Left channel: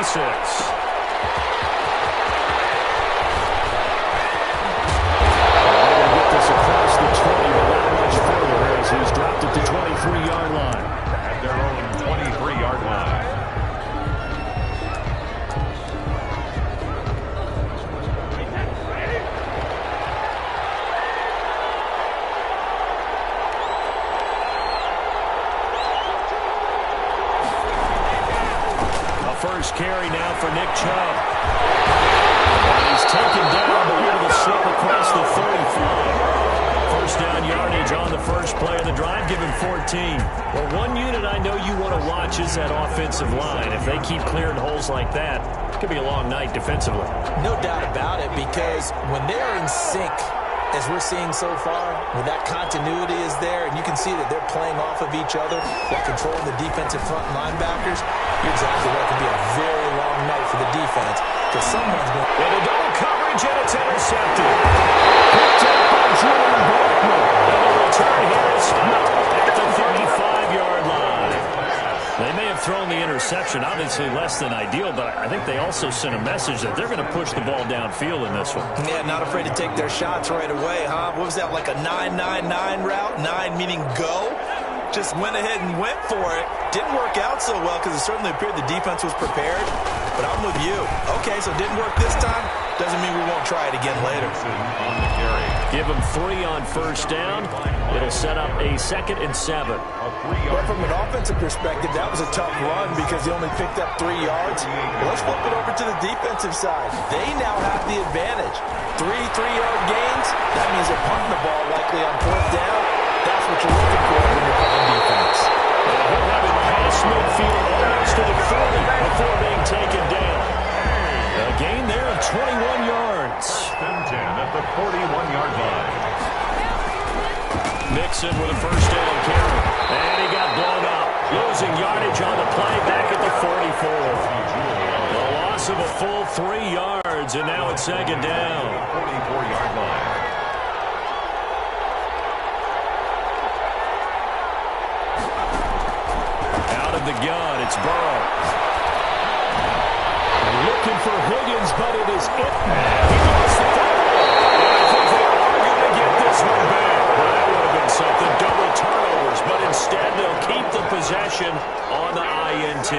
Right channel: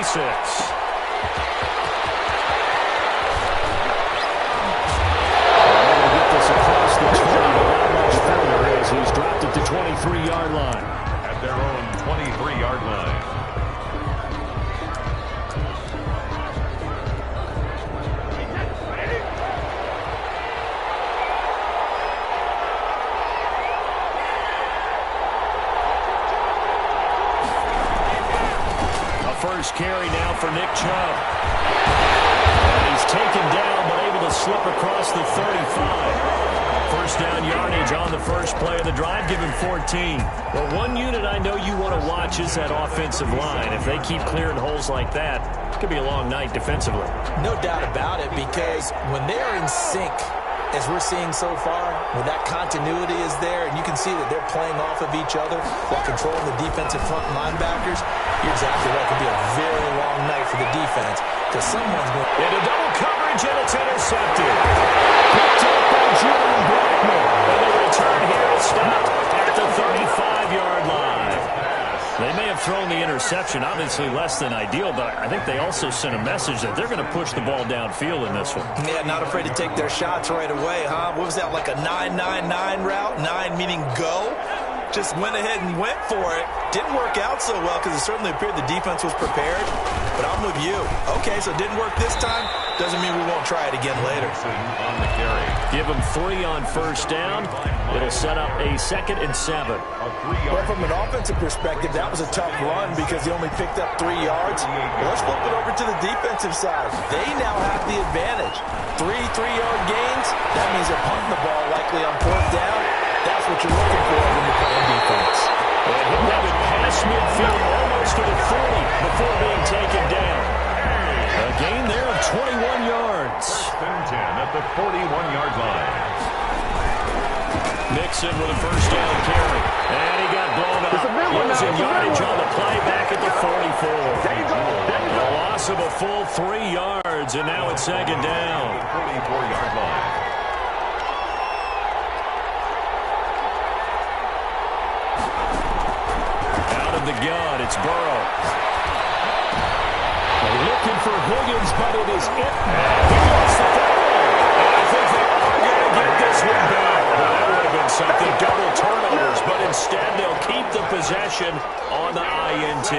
26. Across the 20, but not much further as he's dropped at the 23-yard line. At their own 23-yard line. A first carry now for Nick Chubb. And he's taken down, but able to slip across the 35. First down yardage on the first play of the drive, give him 14. Well, one unit I know you want to watch is that offensive line. If they keep clearing holes like that, it could be a long night defensively. No doubt about it, because when they're in sync, as we're seeing so far, when that continuity is there, and you can see that they're playing off of each other while controlling the defensive front linebackers, you're exactly right. It could be a very long night for the defense, because someone's going into double coverage, and it's intercepted. Picked up by Julian Blackmon. And the return here is stopped at the 35-yard line. They may have thrown the interception, obviously less than ideal, but I think they also sent a message that they're going to push the ball downfield in this one. Yeah, not afraid to take their shots right away, huh? What was that, like a 9-9-9 route? 9 meaning go? Just went ahead and went for it. Didn't work out so well because it certainly appeared the defense was prepared. But I'm with you. Okay, so it didn't work this time. Doesn't mean we won't try it again later. On the carry. Give them 3 on first down. It'll set up a 2nd and 7. Well, from an offensive perspective, that was a tough run because he only picked up 3 yards. Well, let's flip it over to the defensive side. They now have the advantage. 3 3-yard gains. That means they're punting the ball likely on 4th down. That's what you're looking for when you're playing defense. And he'll have it past midfield almost to the 40 before being taken down. A gain there of 21 yards. 1st and 10 at the 41-yard line. Mixon with a first down carry. And he got blown up. Losing yardage on the play back at the 44. A loss of a full 3 yards, and now it's 2nd down. 44-yard line. Out of the gun, it's Burrow. Looking for Higgins, but it is it. He lost the football. And I think they are going to get this one back. Well, that would have been something. Double turnovers, but instead they'll keep the possession on the INT.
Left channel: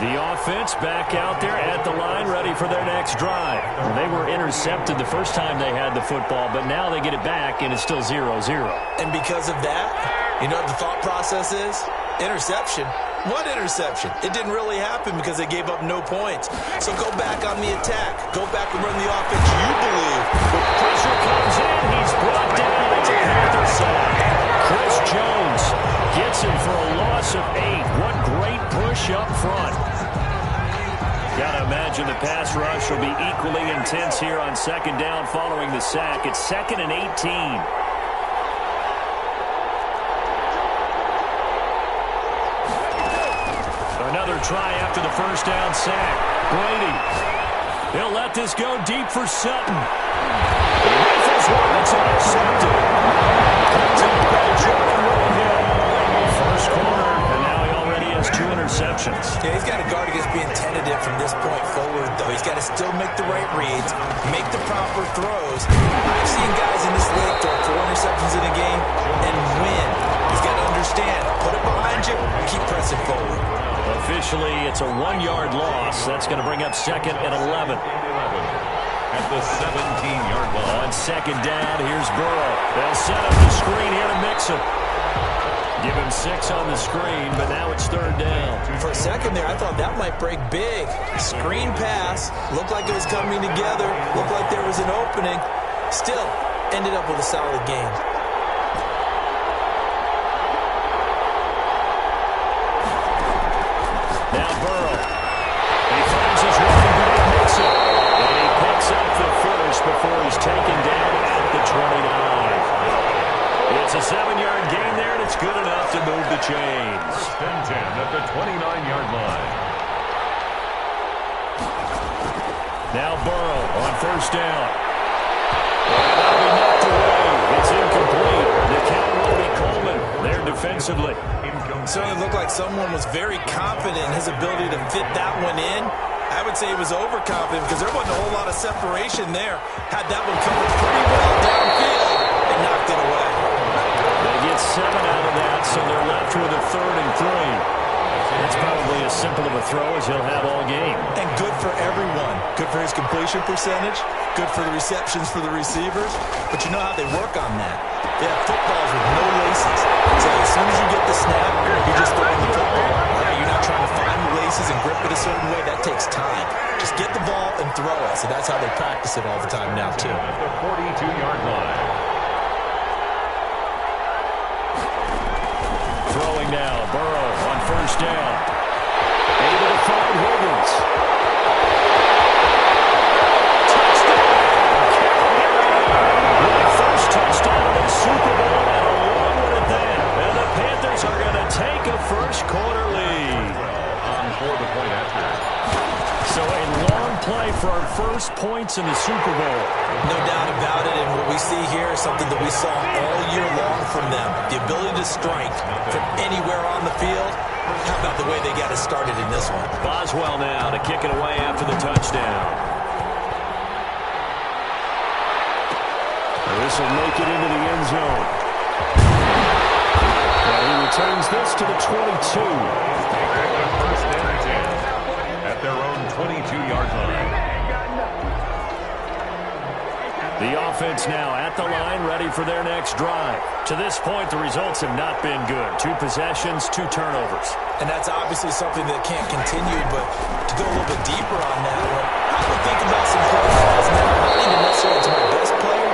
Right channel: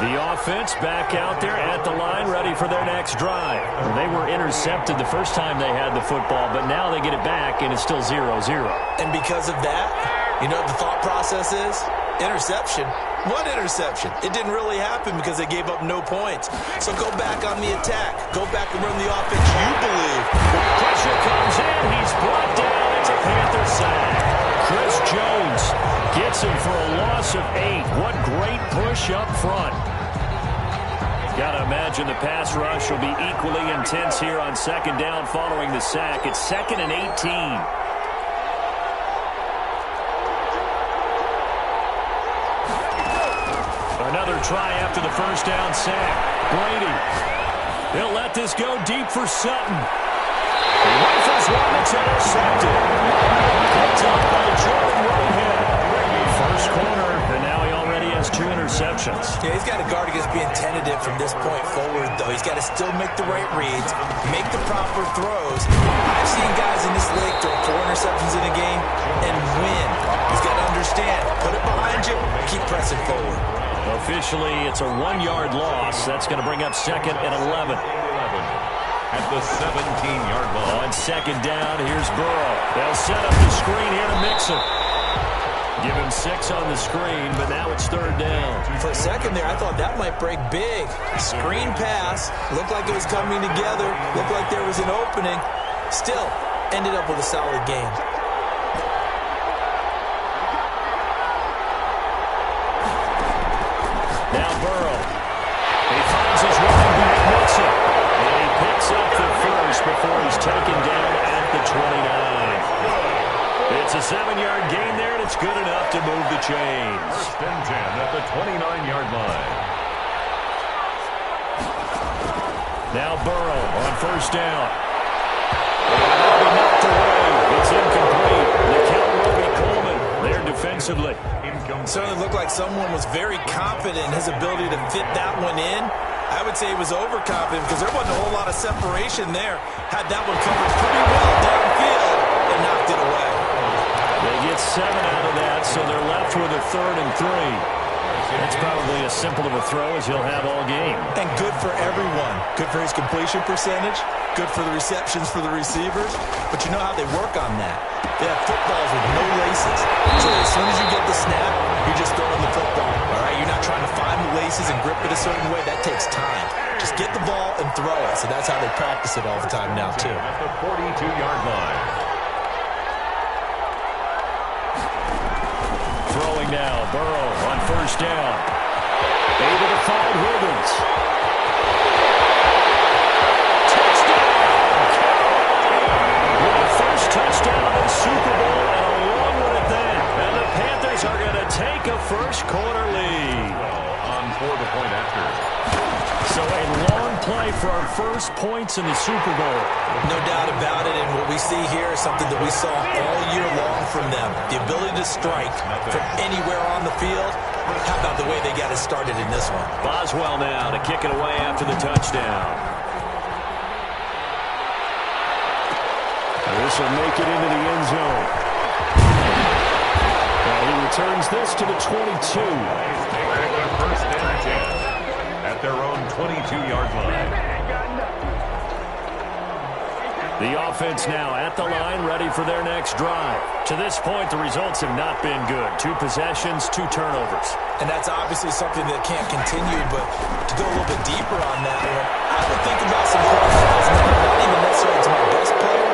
The offense back out there at the line, ready for their next drive. They were intercepted the first time they had the football, but now they get it back, and it's still 0-0. And because of that, you know what the thought process is? Interception. What interception? It didn't really happen because they gave up no points. So go back on the attack. Go back and run the offense you believe. The pressure comes in. He's brought down. It's a Panther sack. Chris Jones gets him for a loss of 8. What great push up front. Got to imagine the pass rush will be equally intense here on 2nd down following the sack. It's 2nd and 18. Another try after the first down sack. Brady. He'll let this go deep for Sutton. He rifles one that's intercepted. Picked up by Jordan Whitehead. First corner, and now he already has 2 interceptions. Yeah, he's got to guard against being tentative from this point forward, though. He's got to still make the right reads, make the proper throws. I've seen guys in this league throw 4 interceptions in a game and win. He's got to understand, put it behind you, keep pressing forward. Officially, it's a 1-yard loss. That's going to bring up 2nd and 11. At the 17-yard line. On 2nd down, here's Burrow. They'll set up the screen here to Mixon. Give him 6 on the screen, but now it's 3rd down. For a second there, I thought that might break big. Screen pass. Looked like it was coming together. Looked like there was an opening. Still, ended up with a solid game. Now Burrow. He finds his running back, Mixon. And he picks up the first before he's taken down at the 29. It's a 7-yard gain there, and it's good enough to move the chains. 1st and 10 at the 29-yard line. Now Burrow on first down. And that'll be knocked away. It's incomplete. Nikel Roby-Coleman there defensively. Certainly looked like someone was very confident in his ability to fit that one in. I would say he was overconfident because there wasn't a whole lot of separation there. Had that one covered pretty well downfield and knocked it away. They get 7 out of that, so they're left with a 3rd and 3. That's probably as simple of a throw as he'll have all game. And good for everyone. Good for his completion percentage. Good for the receptions for the receivers. But you know how they work on that. They have footballs with no laces. So as soon as you get the snap, you're just throwing the football. All right, you're not trying to find the laces and grip it a certain way. That takes time. Just get the ball and throw it. So that's how they practice it all the time now, too. At the 42-yard line. Throwing now, Burrow on 1st down. Able to find Higgins. Touchdown, Carolina! With a first touchdown of the Super Bowl and a long one at that. And the Panthers are going to take a first-quarter lead. Well, on for the point after. So a long play for our first points in the Super Bowl. No doubt about it, and what we see here is something that we saw all year long from them. The ability to strike from anywhere on the field. How about the way they got it started in this one? Boswell now to kick it away after the touchdown. This will make it into the end zone. And he returns this to the 22. Taking a 1st and 10 at their own 22-yard line. The offense now at the line, ready for their next drive. To this point, the results have not been good. 2 possessions, 2 turnovers. And that's obviously something that can't continue, but to go a little bit deeper on that one, I would think about some profiles now, not even necessarily to my best player,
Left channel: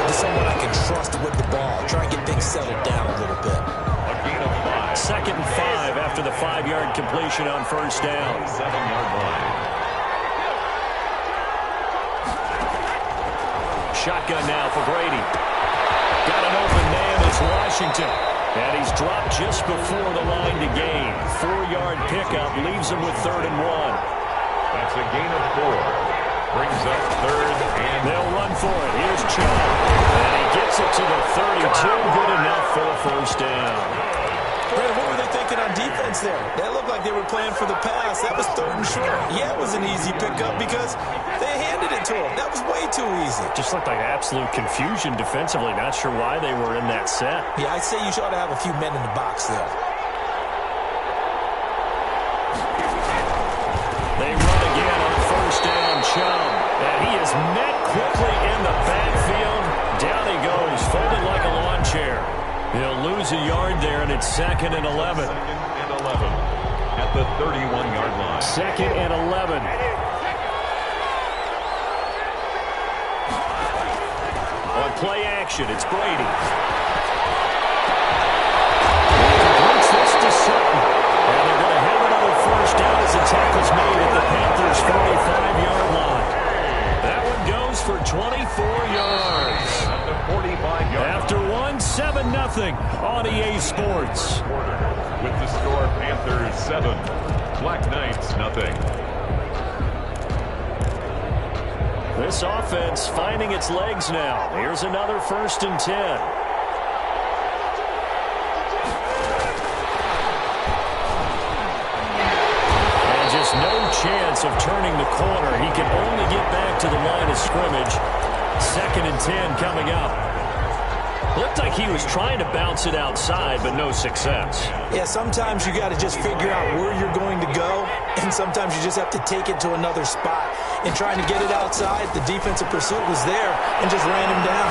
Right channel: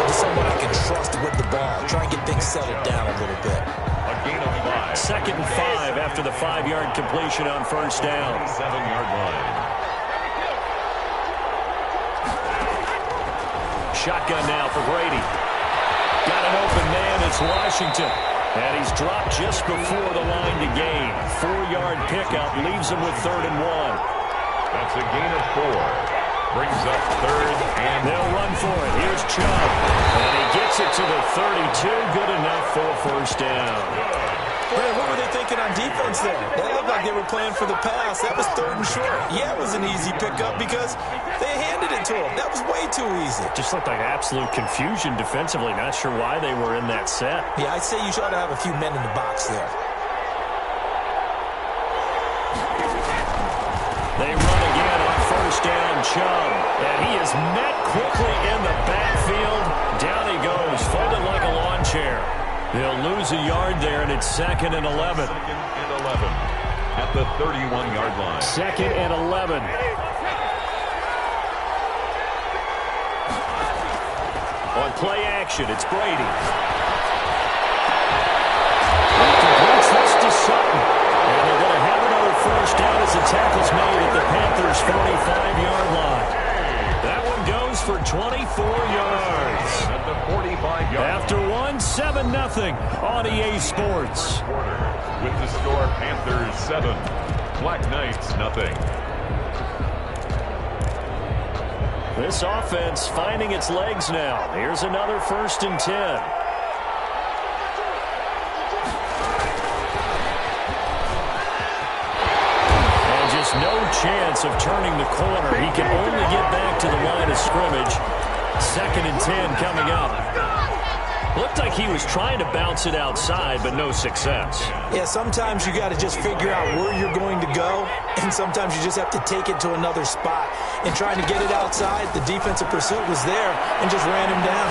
but to someone I can trust with the ball. Try and get things settled down a little bit. A gain of 5. 2nd and 5 after the 5-yard completion on 1st down. 7-yard line. Shotgun now for Brady. Got an open man, it's Washington. And he's dropped just before the line to gain. 4-yard pickup leaves him with 3rd and 1. That's a gain of 4. Brings up 3rd and... They'll run for it. Here's Chubb. And he gets it to the 32. Good enough for a 1st down. Brandon, what were they thinking on defense there? That looked like they were playing for the pass. That was 3rd and short. Yeah, it was an easy pickup because they handed it to him. That was way too easy. Just looked like absolute confusion defensively. Not sure why they were in that set. Yeah, I'd say you should have a few men in the box there. They run again on 1st down, Chubb. And he is met quickly in the backfield. Down he goes, folded like a lawn chair. They'll lose a yard there, and it's 2nd and 11. 2nd and 11 at the 31-yard line. 2nd and 11. On play action, it's Brady. He completes this to Sutton. And they're going to have another 1st down as the tackle's made at the Panthers' 45-yard line. That one goes for 24 yards. At the 45-yard line. After 7-0 on EA Sports. With the score, Panthers 7, Black Knights 0. This offense finding its legs now. Here's another 1st and 10. And just no chance of turning the corner. He can only get back to the line of scrimmage. 2nd and 10 coming up. Looked like he was trying to bounce it outside, but no success. Yeah, sometimes you got to just figure out where you're going to go, and sometimes you just have to take it to another spot. And trying to get it outside, the defensive pursuit was there and just ran him down.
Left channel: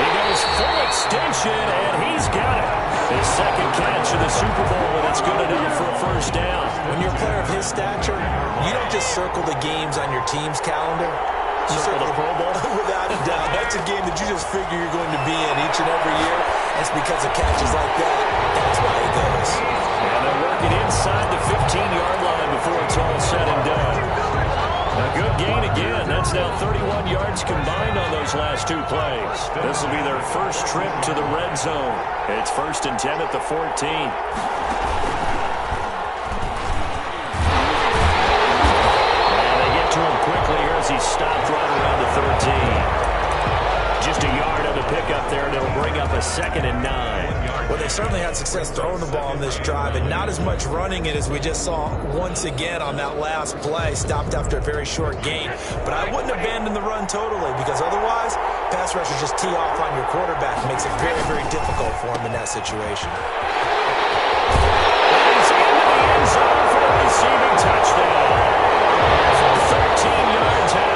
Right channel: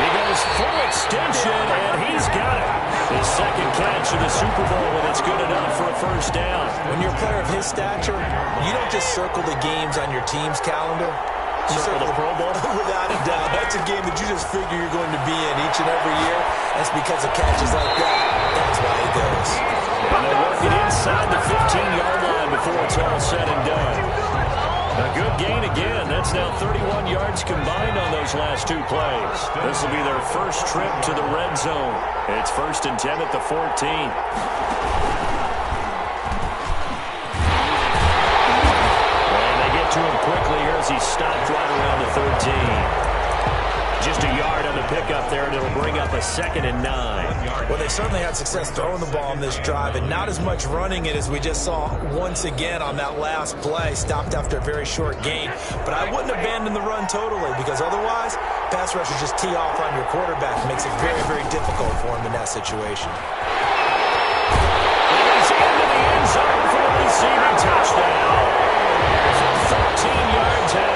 He goes full extension, and he's got it. His 2nd catch of the Super Bowl, and it's good enough for a 1st down. When you're a player of his stature, you don't just circle the games on your team's calendar. You Circle the Pro Bowl? Without a doubt. That's a game that you just figure you're going to be in each and every year. That's because of catches like that. That's why he goes. And they're working inside the 15-yard line before it's all said and done. A good gain again. That's now 31 yards combined on those last 2 plays. This will be their first trip to the red zone. It's 1st and 10 at the 14. To him quickly here as he stopped right around the 13. Just a yard on the pickup there, and it'll bring up a 2nd and 9. Well, they certainly had success throwing the ball on this drive, and not as much running it as we just saw once again on that last play. Stopped after a very short gain. But I wouldn't abandon the run totally, because otherwise, pass rushers just tee off on your quarterback. Makes it very, very difficult for him in that situation. And he's into the end zone for a receiving touchdown. From 13 yards out.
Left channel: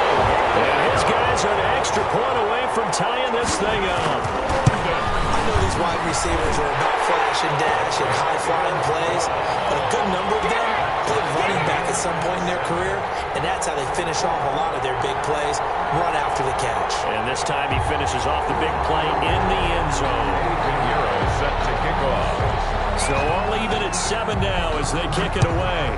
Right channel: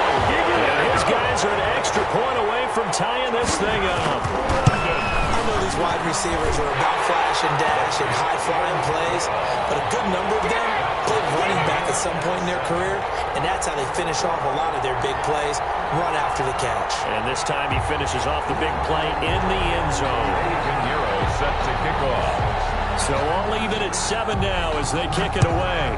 And his guys are an extra point away from tying this thing up. I know these wide receivers are about flash and dash and high-flying plays, but a good number of them played running back at some point in their career, and that's how they finish off a lot of their big plays, run after the catch. And this time he finishes off the big play in the end zone. Pinheiro set to kick off. So all even at 7 now as they kick it away.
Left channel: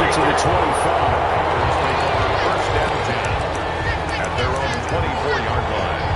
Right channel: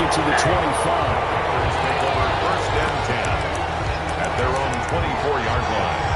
To the 25. Packers take over 1st and 10 at their own 24-yard line.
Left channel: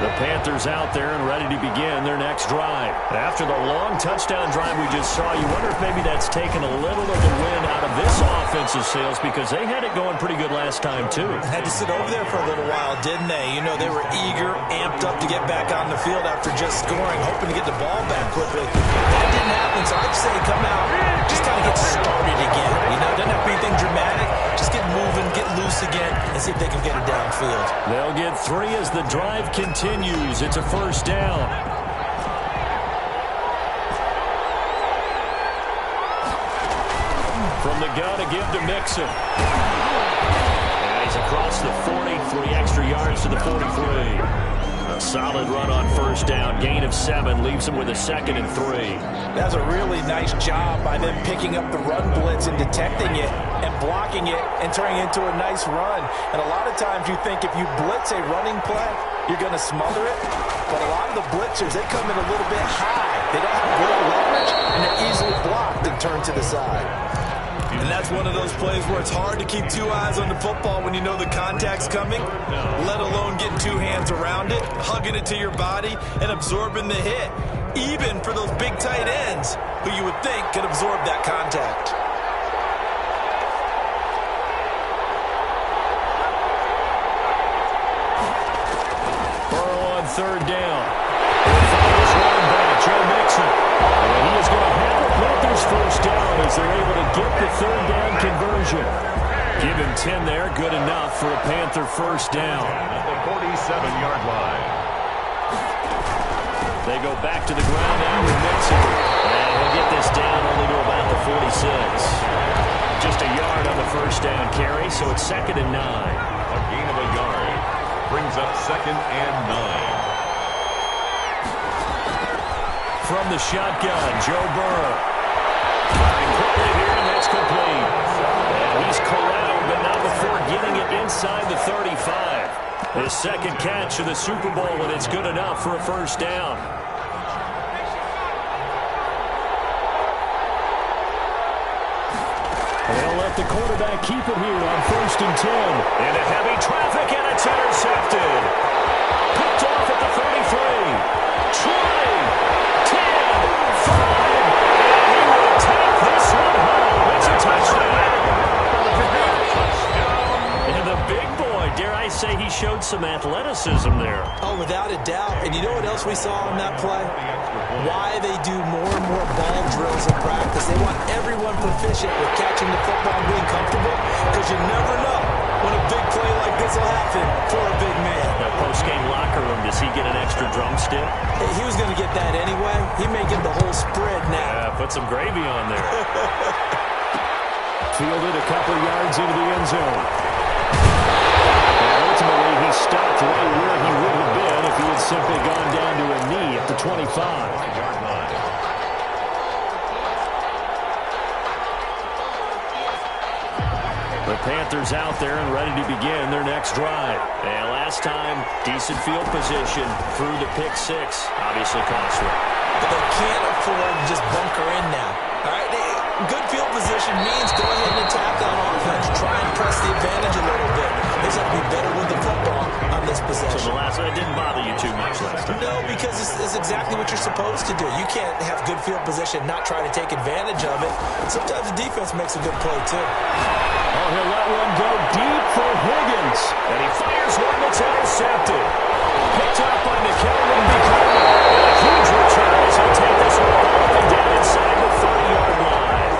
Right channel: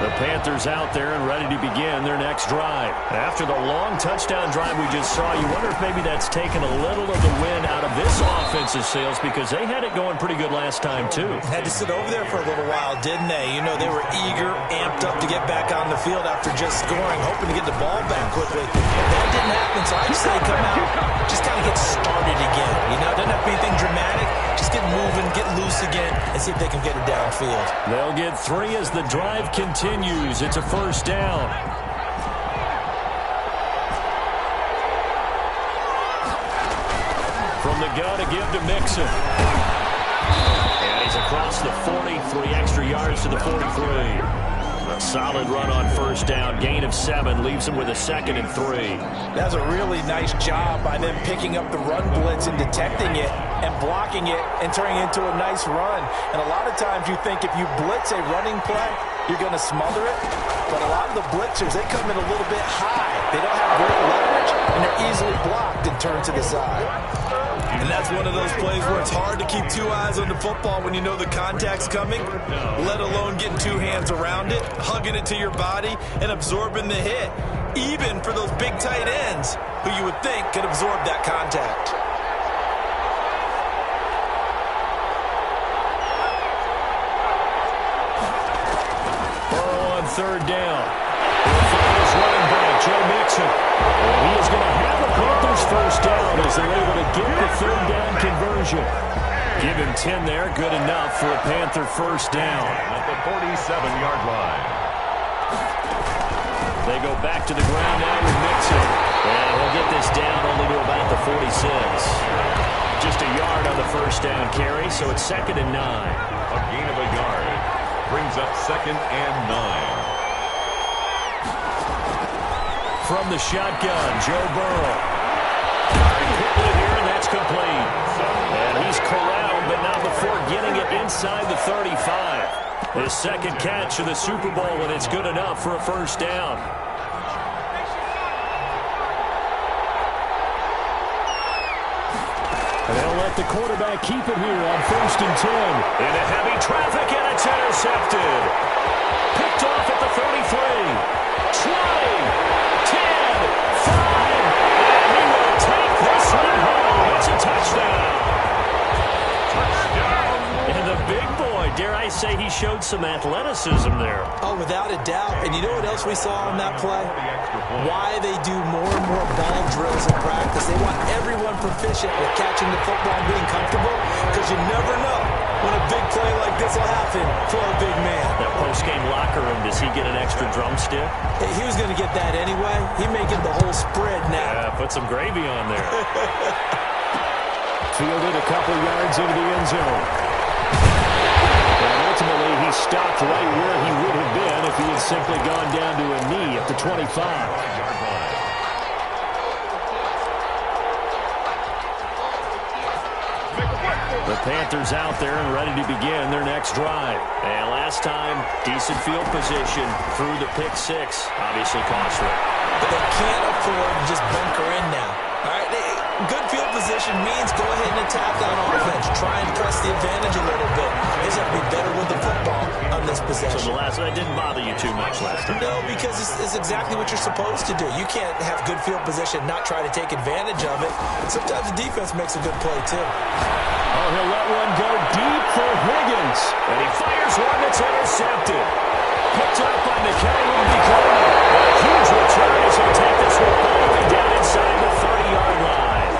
The Panthers out there and ready to begin their next drive. After the long touchdown drive we just saw, you wonder if maybe that's taken a little of the wind out of this offensive sails, because they had it going pretty good last time too. Had to sit over there for a little while, didn't they? You know, they were eager, amped up to get back on the field after just scoring, hoping to get the ball back quickly. That didn't happen, so I'd say come out, just kind of get started again. You know, doesn't have to be anything dramatic. Just get moving, get loose again, and see if they can get it downfield. They'll get 3 as the drive continues. It's a 1st down. From the gun to give to Mixon. And he's across the 40, 3 extra yards to the 43. A solid run on 1st down. Gain of 7 leaves him with a 2nd and 3. That's a really nice job by them picking up the run blitz and detecting it and blocking it and turning it into a nice run. And a lot of times you think if you blitz a running play, you're going to smother it. But a lot of the blitzers, they come in a little bit high. They don't have great leverage, and they're easily blocked and turned to the side. And that's one of those plays where it's hard to keep 2 eyes on the football when you know the contact's coming, let alone getting 2 hands around it, hugging it to your body, and absorbing the hit, even for those big tight ends who you would think could absorb that contact. Burrow on 3rd down. He'll find his running back, Joe Mixon. And he is going to have a Panthers 1st down as they're able to get the 3rd down conversion. Give him 10 there, good enough for a Panther 1st down. At the 47-yard line. They go back to the ground now with Mixon. And he'll get this down only to about the 46. Just a yard on the 1st down carry, so it's 2nd and 9. A gain of a yard brings up 2nd and 9. From the shotgun, Joe Burrow. Firing quickly here, and that's complete. And he's corralled, but not before getting it inside the 35. His 2nd catch of the Super Bowl, and it's good enough for a 1st down. And they'll let the quarterback keep it here on 1st and 10. Into heavy traffic, and it's intercepted. Picked off at the 33. 20. 10, 5, and he will take this one home. It's a touchdown. Touchdown. And the big boy, dare I say, he showed some athleticism there. Oh, without a doubt. And you know what else we saw on that play? Why they do more and more ball drills in practice. They want everyone proficient with catching the football and being comfortable, because you never know when a big play like this will happen for a big man. That post-game locker room, does he get an extra drumstick? Hey, he was going to get that anyway. He may get the whole spread now. Yeah, put some gravy on there. Fielded a couple yards into the end zone. And ultimately, he stopped right where he would have been if he had simply gone down to a knee at the 25-yard line. The Panthers out there and ready to begin their next drive. And last time, decent field position through the pick 6. Obviously costly. But they can't afford to just bunker in now. All right, good field position means go ahead and attack on offense. Try and press the advantage a little bit. They just have to be better with the football on this possession. So the last one didn't bother you too much last time? No, because it's exactly what you're supposed to do. You can't have good field position, not try to take advantage of it. Sometimes the defense makes a good play, too. Oh, he'll let one go deep for Higgins. And he fires one that's intercepted. Picked up by Nickel Roby-Coleman. And a huge return as he'll take this one all the way down inside the 30-yard line.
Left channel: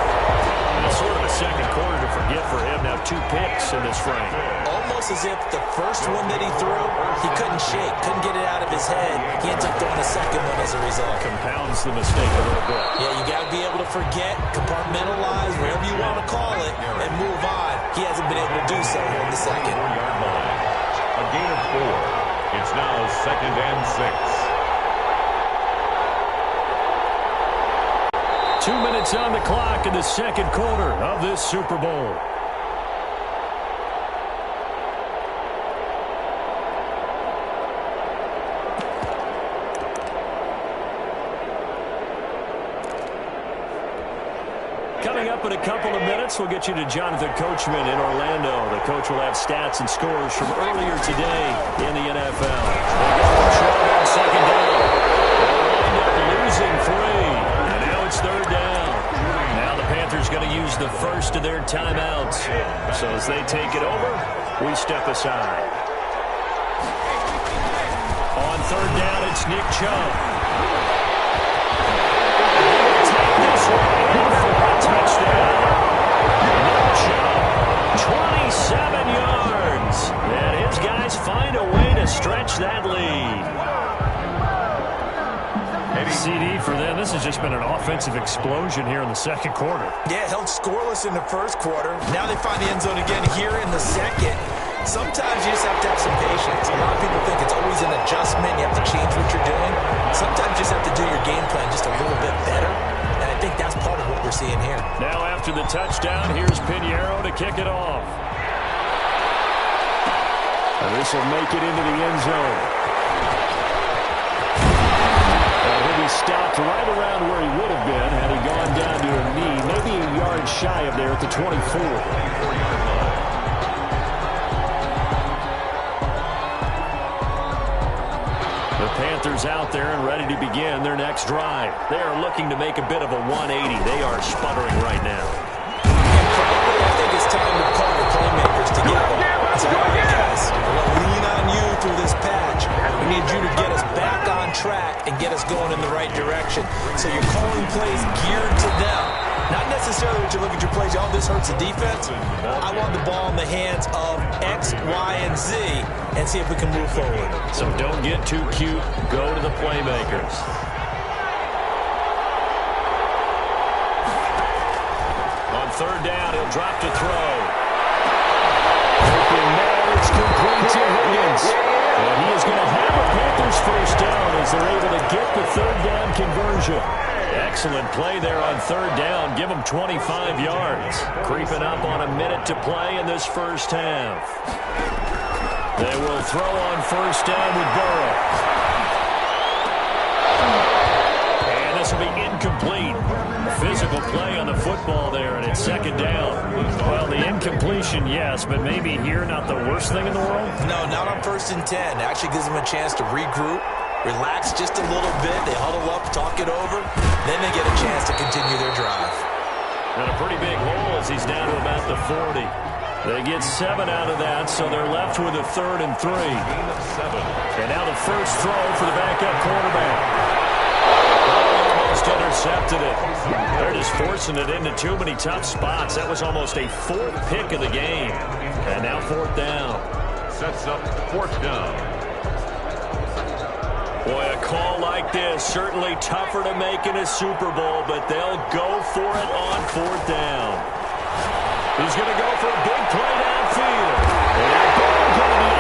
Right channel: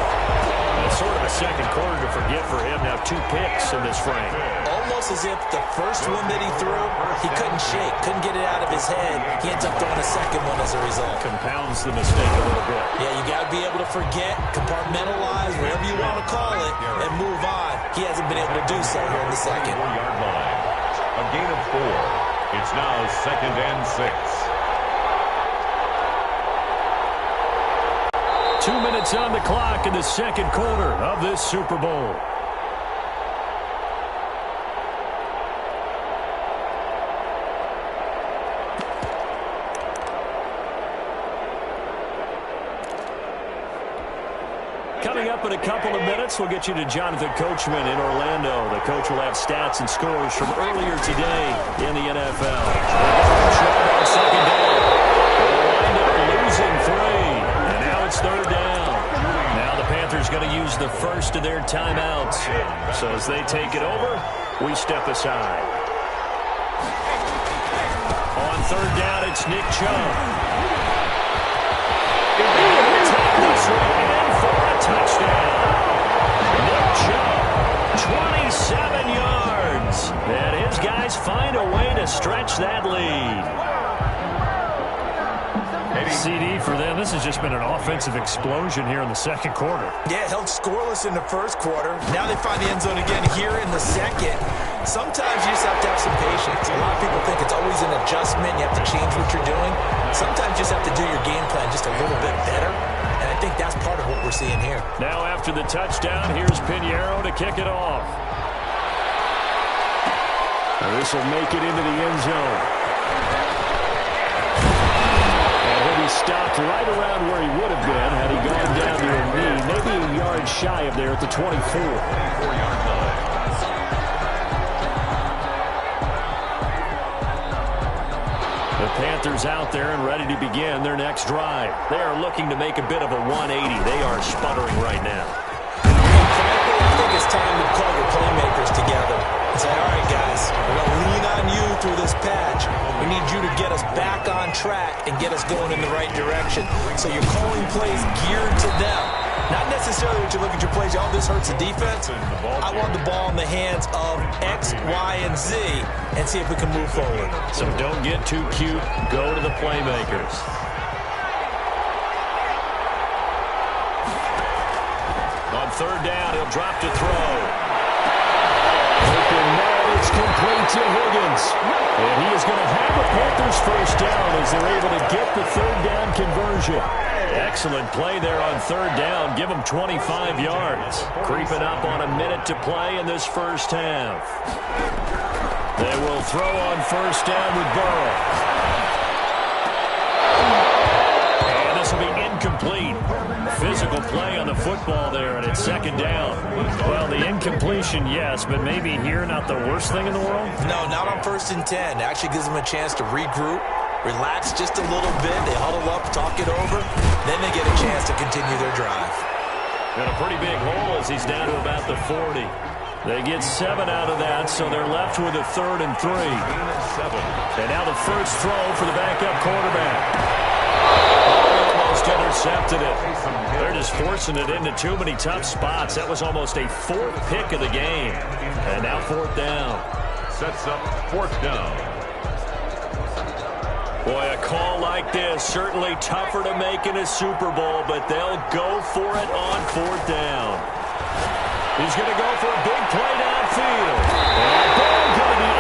And it's sort of a second quarter to forget for him. Now 2 picks in this frame. Almost as if the first one that he threw, he couldn't shake, couldn't get it out of his head. He ends up throwing a second one as a result. Compounds the mistake a little bit. Yeah, you got to be able to forget, compartmentalize, whatever you want to call it, and move on. He hasn't been able to do so here in the second. 4-yard line. A gain of 4. It's now 2nd and 6. 2 minutes on the clock in the second quarter of this Super Bowl. Coming up in a couple of minutes, we'll get you to Jonathan Coachman in Orlando. The coach will have stats and scores from earlier today in the NFL. They go for Chubb on second down. They'll wind up losing 3, and now it's 3rd down. Now the Panthers going to use the first of their timeouts. So as they take it over, we step aside. On 3rd down, it's Nick Chubb. They will take this one in for a touchdown. Nick Chubb, 27 yards. And his guys find a way to stretch that lead. CD for them. This has just been an offensive explosion here in the second quarter. Yeah, held scoreless in the first quarter. Now they find the end zone again here in the second. Sometimes you just have to have some patience. A lot of people think it's always an adjustment. You have to change what you're doing. Sometimes you just have to do your game plan just a little bit better. And I think that's part of what we're seeing here. Now after the touchdown, here's Pinheiro to kick it off. And this will make it into the end zone. And he'll be stopped right around where he would have been had he gone down to a knee, maybe a yard shy of there at the 24. 24-yard line. The Panthers out there and ready to begin their next drive. They are looking to make a bit of a 180. They are sputtering right now. And frankly, I think it's time to call your playmakers together and say, all right, guys, we're going to lean on you through this patch. We need you to get us back on track and get us going in the right direction. So you're calling plays geared to them. Not necessarily what you look at your plays, oh, this hurts the defense. I want the ball in the hands of X, Y, and Z and see if we can move forward. So don't get too cute. Go to the playmakers. On 3rd down, he'll drop to throw. Open man, it's complete to Higgins. And he is going to have a Panthers first down as they're able to get the 3rd down conversion. Excellent play there on 3rd down. Give them 25 yards. Creeping up on a minute to play in this first half. They will throw on 1st down with Burrow. And this will be incomplete. Physical play on the football there, and it's 2nd down. Well, the incompletion, yes, but maybe here not the worst thing in the world? No, not on 1st and 10. Actually gives them a chance to regroup, relax just a little bit. They huddle up, talk it over. Then they get a chance to continue their drive. And a pretty big hole as he's down to about the 40. They get 7 out of that, so they're left with a 3rd and 3. And now the first throw for the backup quarterback. Almost intercepted it. They're just forcing it into too many tough spots. That was almost a 4th pick of the game. And now 4th down. Sets up 4th down. Boy, a call like this, certainly tougher to make in a Super Bowl, but they'll go for it on 4th down. He's going to go for a big play downfield. And that ball going to be